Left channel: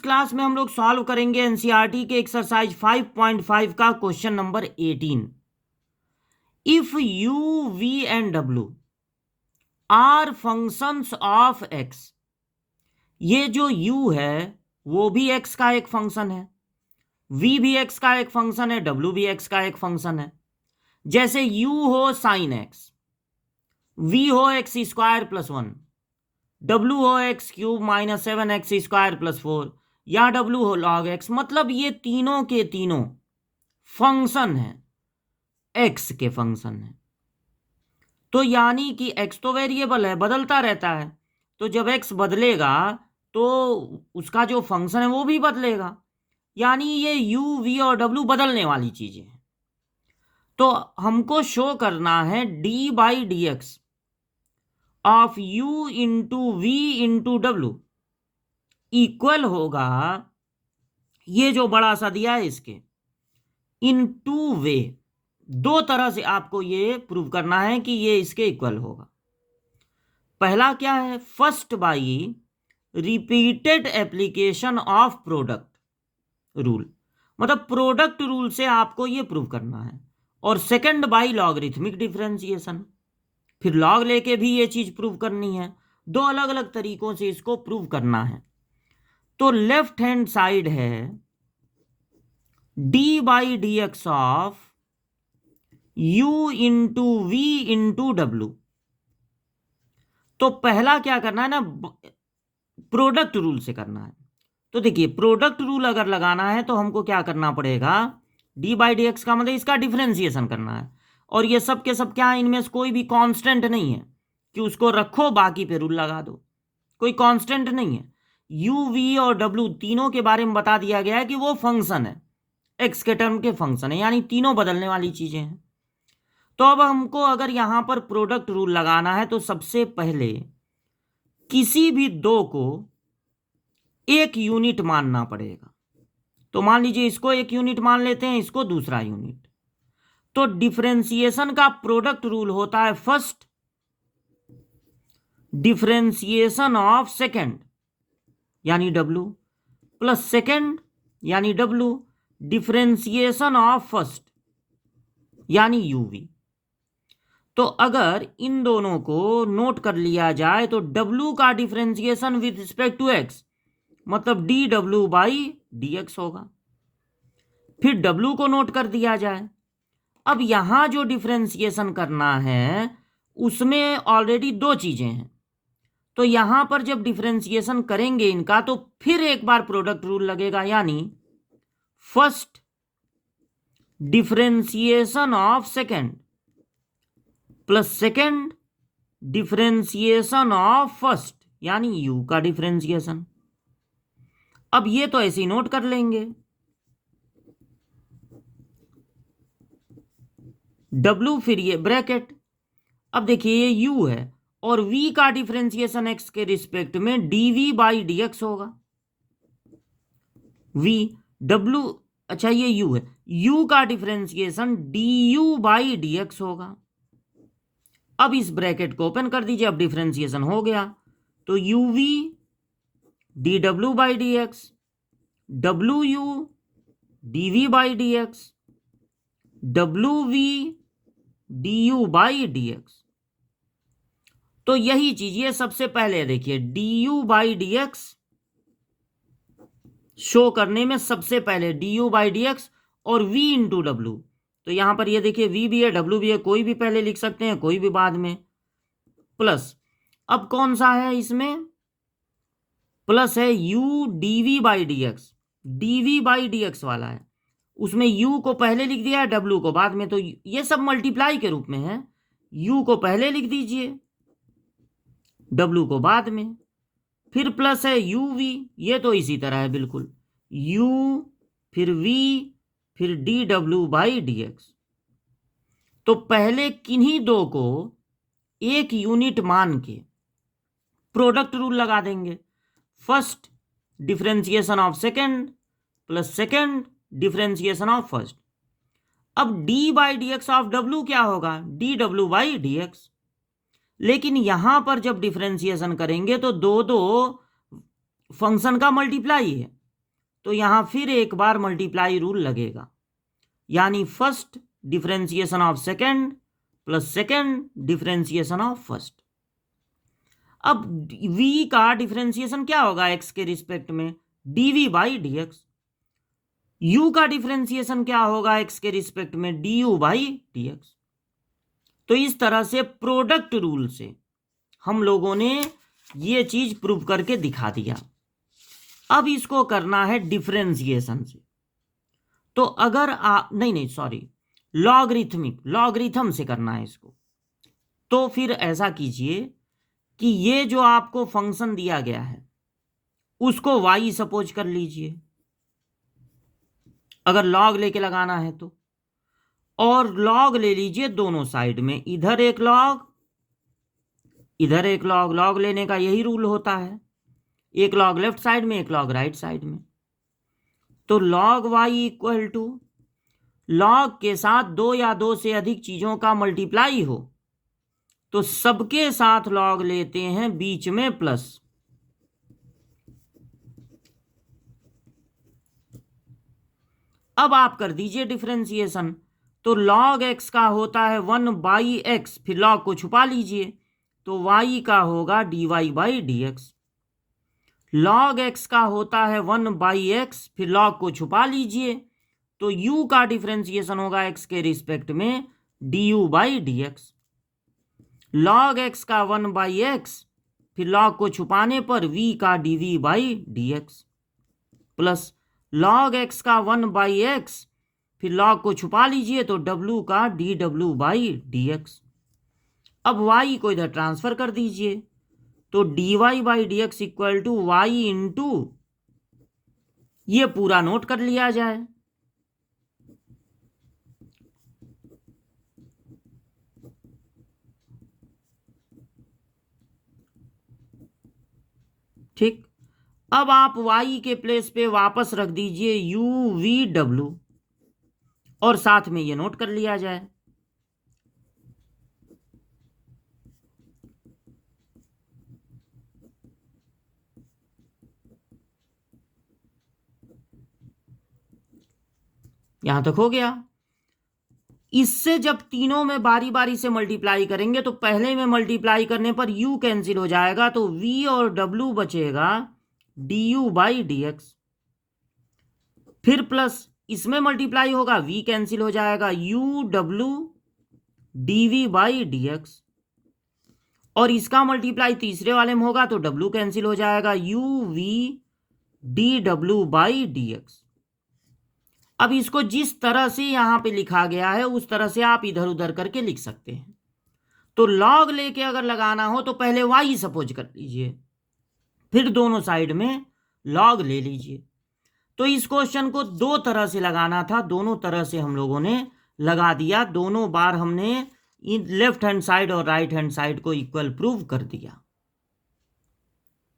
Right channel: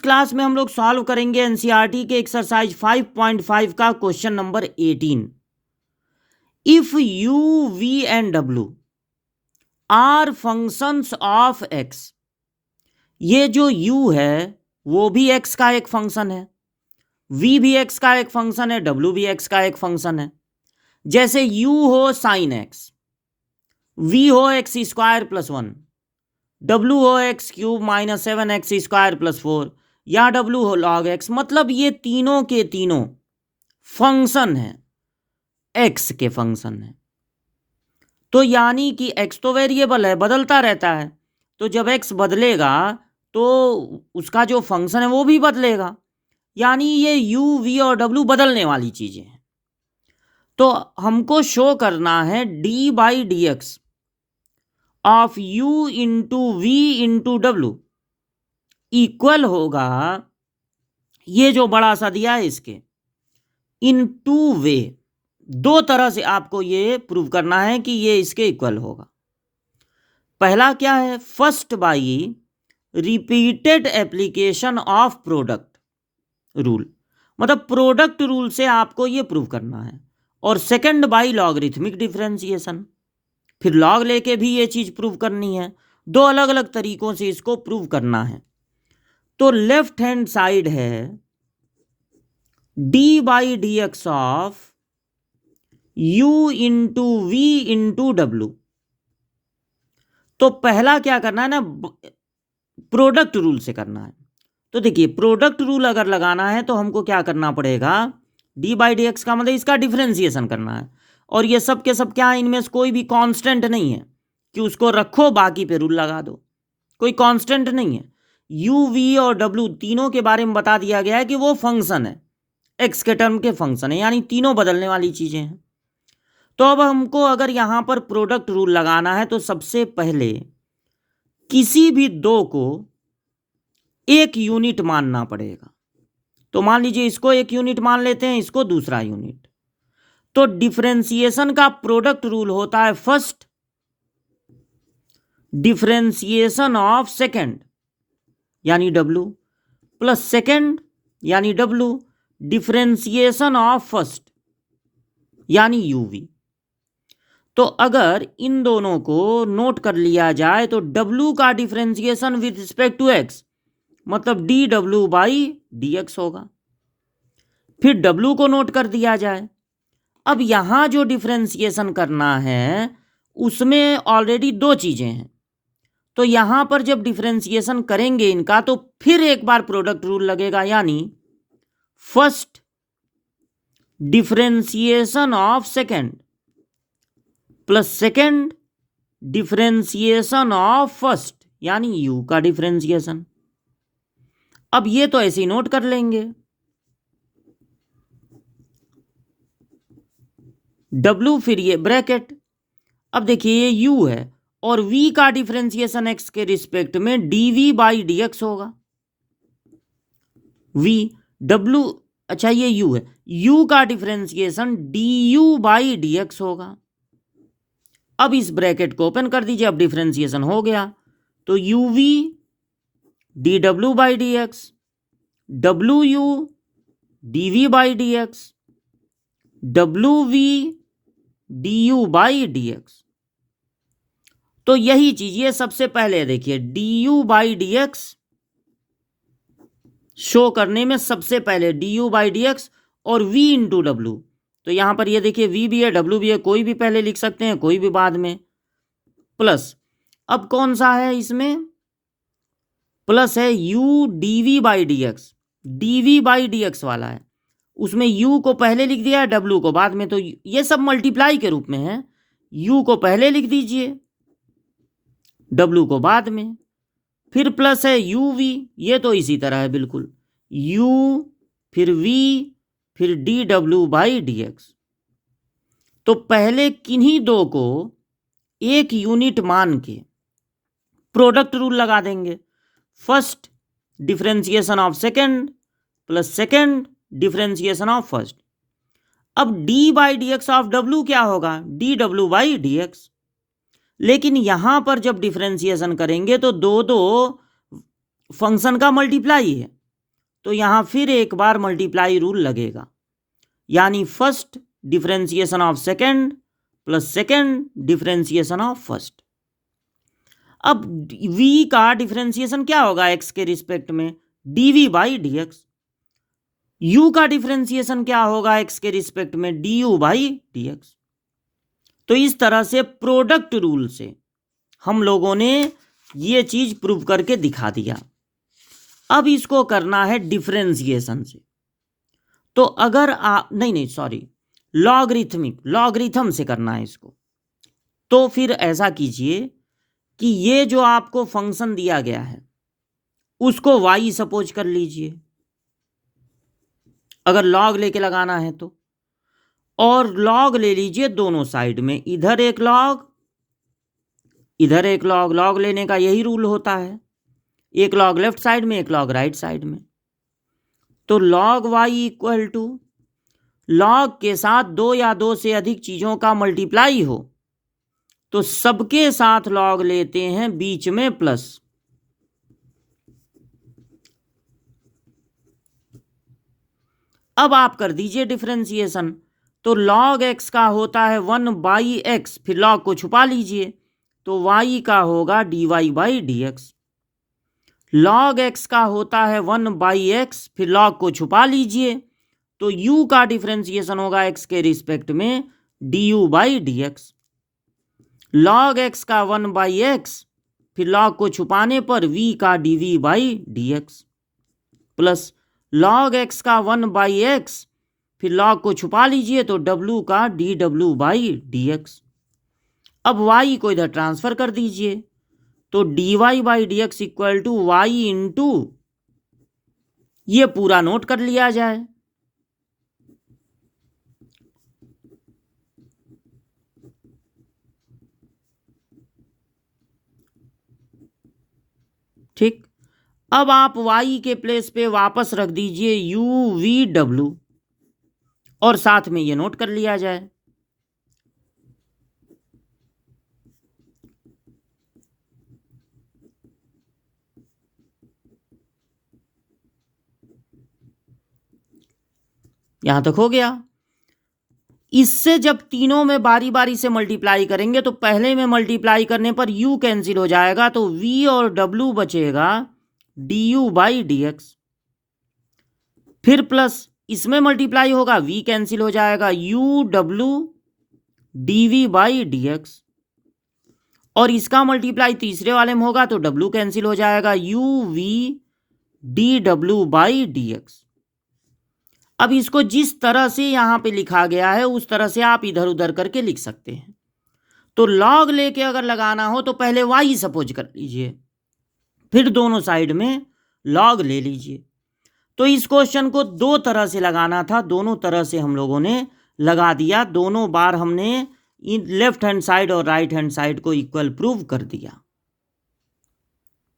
इस क्लास में हम लोग सॉल्व करेंगे एनसीईआरटी के एक्सरसाइज 5.5 का question number 18। If u v and डब्ल्यू आर फंक्शंस ऑफ एक्स, ये जो u है वो भी x का एक फंक्शन है, v भी x का एक फंक्शन है, w भी x का एक फंक्शन है। जैसे u हो साइन x, v हो एक्स स्क्वायर प्लस 1, w हो x cube minus 7x square plus 4, या w हो लॉग x। मतलब ये तीनों के तीनों फंक्शन है, x के फंक्शन है। तो यानी कि x तो वेरिएबल है, बदलता रहता है, तो जब x बदलेगा तो उसका जो फंक्शन है वो भी बदलेगा। यानी ये u, v और w बदलने वाली चीजें हैं। तो हमको शो करना है d by d x of u into v into डब्ल्यू इक्वल होगा, ये जो बड़ा सा दिया है इसके, इन टू वे, दो तरह से आपको ये प्रूव करना है कि ये इसके इक्वल होगा। पहला क्या है, first by repeated application of product rule, मतलब प्रोडक्ट रूल से आपको ये प्रूव करना है। और सेकंड बाई लॉगरिथमिक डिफरेंशिएशन, फिर लॉग लेके भी ये चीज प्रूव करनी है। दो अलग अलग तरीकों से इसको प्रूव करना है। तो लेफ्ट हैंड साइड है d by d x of u into v into डब्ल्यू। तो पहला क्या करना है ना, प्रोडक्ट रूल से करना है। तो देखिए प्रोडक्ट रूल अगर लगाना है तो हमको क्या करना पड़ेगा, d बाई डी एक्स का मतलब इसका डिफरेंशिएशन करना है। और ये सब के सब क्या, इनमें से कोई भी कांस्टेंट नहीं है कि उसको रखो बाकी पे रूल लगा दो, कोई कांस्टेंट नहीं है। u, v और w तीनों के बारे में बता दिया गया है कि वो फंक्शन है, x के टर्म के फंक्शन है, यानी तीनों बदलने वाली चीजें हैं। तो अब हमको अगर यहां पर प्रोडक्ट रूल लगाना है तो सबसे पहले किसी भी दो को एक यूनिट मानना पड़ेगा। तो मान लीजिए इसको एक यूनिट मान लेते हैं, इसको दूसरा यूनिट। तो डिफरेंशिएशन का प्रोडक्ट रूल होता है फर्स्ट डिफरेंशिएशन ऑफ सेकंड यानी w प्लस सेकंड यानी w डिफरेंशिएशन ऑफ फर्स्ट यानी uv। तो अगर इन दोनों को नोट कर लिया जाए तो w का differentiation with respect to x मतलब dw बाई dx होगा। फिर w को नोट कर दिया जाए। अब यहां जो डिफरेंशिएशन करना है उसमें ऑलरेडी दो चीजें हैं, तो यहां पर जब डिफरेंशिएशन करेंगे इनका तो फिर एक बार प्रोडक्ट रूल लगेगा, यानी first differentiation of second plus second differentiation of first यानी u का डिफरेंशिएशन। अब ये तो ऐसे ही नोट कर लेंगे, w फिर ये ब्रैकेट। अब देखिए ये u है और v का डिफरेंशिएशन x के रिस्पेक्ट में dv बाई डी एक्स होगा। v w, अच्छा ये u है, u का differentiation du by d x होगा। अब इस ब्रैकेट को ओपन कर दीजिए, अब डिफरेंशिएशन हो गया तो uv dw by d x, wu dv by d x, wv du by d x. तो यही चीज ये सबसे पहले देखिए du by d x show करने में सबसे पहले du बाई डी एक्स और v इंटू डब्ल्यू। तो यहां पर ये देखिए v भी है w भी है, कोई भी पहले लिख सकते हैं कोई भी बाद में, प्लस अब कौन सा है इसमें, प्लस है u dv by d x, dv by d x वाला है, उसमें u को पहले लिख दिया w को बाद में, तो ये सब मल्टीप्लाई के रूप में है, u को पहले लिख दीजिए w को बाद में, फिर प्लस है uv, ये तो इसी तरह है बिल्कुल, u फिर v फिर dw बाई डी एक्स। तो पहले किन्हीं दो को एक यूनिट मान के प्रोडक्ट रूल लगा देंगे, first differentiation of second plus second differentiation of first. अब d by d x of w क्या होगा, dw बाई डी एक्स। लेकिन यहां पर जब डिफरेंशिएशन करेंगे तो दो दो फंक्शन का मल्टीप्लाई है, तो यहाँ फिर एक बार मल्टीप्लाई रूल लगेगा, यानी first differentiation of second plus second differentiation of first. अब v का डिफरेंशिएशन क्या होगा x के रिस्पेक्ट में, dv बाई dx। u का डिफरेंशिएशन क्या होगा x के रिस्पेक्ट में, du बाई dx। तो इस तरह से प्रोडक्ट रूल से हम लोगों ने ये चीज प्रूव करके दिखा दिया। अब इसको करना है डिफरेंशिएशन से। तो अगर लॉगरिथम से करना है इसको। तो फिर ऐसा कीजिए कि ये जो आपको फंक्शन दिया गया है उसको y सपोज कर लीजिए, अगर लॉग लेके लगाना है तो, और लॉग ले लीजिए दोनों साइड में, इधर एक लॉग इधर एक लॉग। लॉग लेने का यही रूल होता है, एक लॉग लेफ्ट साइड में एक लॉग राइट साइड में। तो log y equal to log के साथ दो या दो से अधिक चीजों का मल्टीप्लाई हो तो सबके साथ लॉग लेते हैं, बीच में प्लस। अब आप कर दीजिए डिफरेंशिएशन। तो लॉग x का होता है 1 बाई एक्स, फिर लॉग को छुपा लीजिए तो y का होगा dy by dx। Log x का होता है 1 बाई एक्स, फिर लॉग को छुपा लीजिए तो u का डिफरेंशिएशन होगा x के रिस्पेक्ट में du by dx। Log x का 1 बाई एक्स, फिर लॉग को छुपाने पर v का dv by dx, plus log x का 1 बाई एक्स, फिर लॉग को छुपा लीजिए तो w का dw बाई dx। अब y को इधर ट्रांसफर कर दीजिए तो dy by dx equal to y into, ये पूरा नोट कर लिया जाए। ठीक, अब आप y के प्लेस पे वापस रख दीजिए u/v/w और साथ में ये नोट कर लिया जाए। यहां तक हो गया। इससे जब तीनों में बारी बारी से मल्टीप्लाई करेंगे तो पहले में मल्टीप्लाई करने पर u कैंसिल हो जाएगा तो v और w बचेगा du बाई dx, फिर प्लस इसमें मल्टीप्लाई होगा, v कैंसिल हो जाएगा, uw dv बाई dx, और इसका मल्टीप्लाई तीसरे वाले में होगा तो w कैंसिल हो जाएगा, uv dw बाई dx। अब इसको जिस तरह से यहाँ पे लिखा गया है उस तरह से आप इधर उधर करके लिख सकते हैं। तो लॉग लेके अगर लगाना हो तो पहले y सपोज कर लीजिए, फिर दोनों साइड में लॉग ले लीजिए। तो इस क्वेश्चन को दो तरह से लगाना था, दोनों तरह से हम लोगों ने लगा दिया। दोनों बार हमने लेफ्ट हैंड साइड और राइट हैंड साइड को इक्वल प्रूव कर दिया।